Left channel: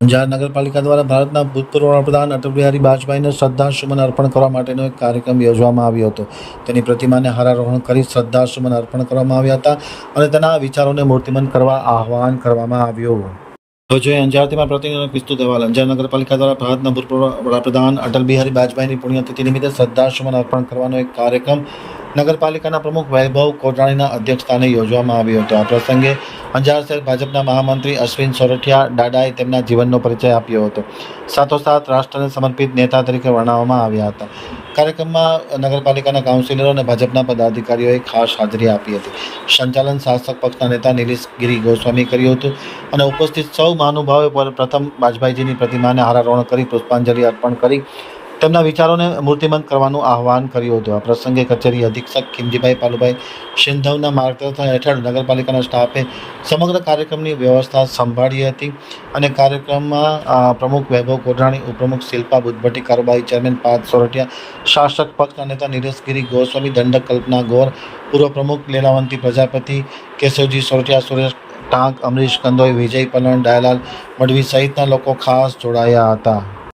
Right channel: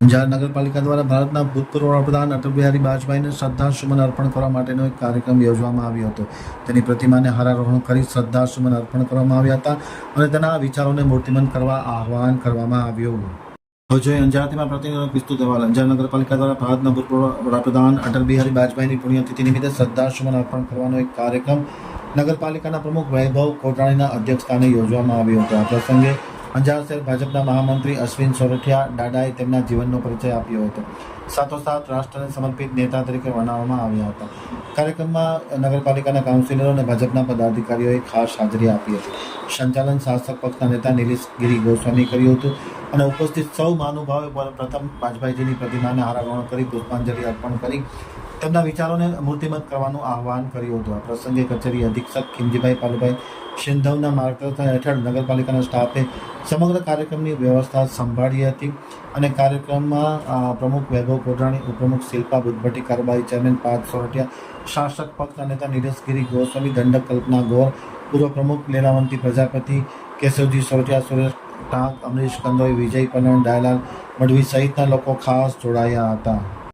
અંજાર નગરપાલિકા દ્વારા ભારતના ભૂતપૂર્વ વડાપ્રધાન અટલ બિહારી વાજપેયીને શ્રદ્ધાસુમન અર્પણ કરવા માટેનો એક કાર્યક્રમ યોજવામાં આવ્યો હતો. તેની પ્રતિમાને હારારોહણ કરી શ્રદ્ધાસુમન અર્પણ કરવામાં આવ્યા હતા અને તેના વિચારોને મૂર્તિમંત કરવા આહવાન કરવામાં આવ્યું. હવે જોઈએ અંજારથી પ્રતિનિધિ પિસ્તુ દેવાલ અંજાર નગરપાલિકા દ્વારા ભારતના ભૂતપૂર્વ વડાપ્રધાન અટલ બિહારી વાજપેયીની પુણ્યતિથિ નિમિત્તે શ્રદ્ધાસુમન અર્પણ કરવાનો એક કાર્યક્રમ નગરપાલિકાના પ્રમુખ વૈભવ કોટાણીના અધ્યક્ષસ્થાને યોજવામાં આવ્યો હતો. આ પ્રસંગે અંજાર શહેર ભાજપના મહામંત્રી અશ્વિન સોરઠિયા ડાડાએ તેમના જીવનનો પરિચય આપ્યો હતો. સાથોસાથ રાષ્ટ્રને સમર્પિત નેતા તરીકે વર્ણવવામાં આવ્યા હતા. કાર્યક્રમમાં નગરપાલિકાના કાઉન્સિલરો અને ભાજપના પદાધિકારીઓએ ખાસ હાજરી આપી હતી. સંચાલન શાસક પક્ષના નેતા નિલેશ ગિરી ગોસ્વામી કર્યું હતું અને ઉપસ્થિત સૌ મહાનુભાવોએ પર- પ્રથમ વાજપેયીજીની પ્રતિમાને હારારોહણ કરી પુષ્પાંજલિ અર્પણ કરી તેમના વિચારોને મૂર્તિમંત કરવાનું આહવાન કર્યું હતું. આ પ્રસંગે કચેરી અધિક્ષક ખીમજીભાઈ પાલુભાઈ સિંધવના માર્ગદર્શન હેઠળ નગરપાલિકાના સ્ટાફે સમગ્ર કાર્યક્રમની વ્યવસ્થા સંભાળી હતી અને કાર્યક્રમમાં પ્રમુખ વૈભવ કોઢાણી, ઉપપ્રમુખ શિલ્પા બુદ્ધભટ્ટી, કારોબારી ચેરમેન પાર્થ સોરઠિયા, શાસક પક્ષના નેતા નીરજગીરી ગોસ્વામી, દંડક કલ્પના ગોર, પૂર્વ પ્રમુખ લીલાવંતી પ્રજાપતિ, કેશવજી સોરઠિયા, સુરેશ ટાંક, અમરીશ કંદોઈ, વિજય પલણ ડાયલાલ મડવી સહિતના લોકો ખાસ જોડાયા હતા.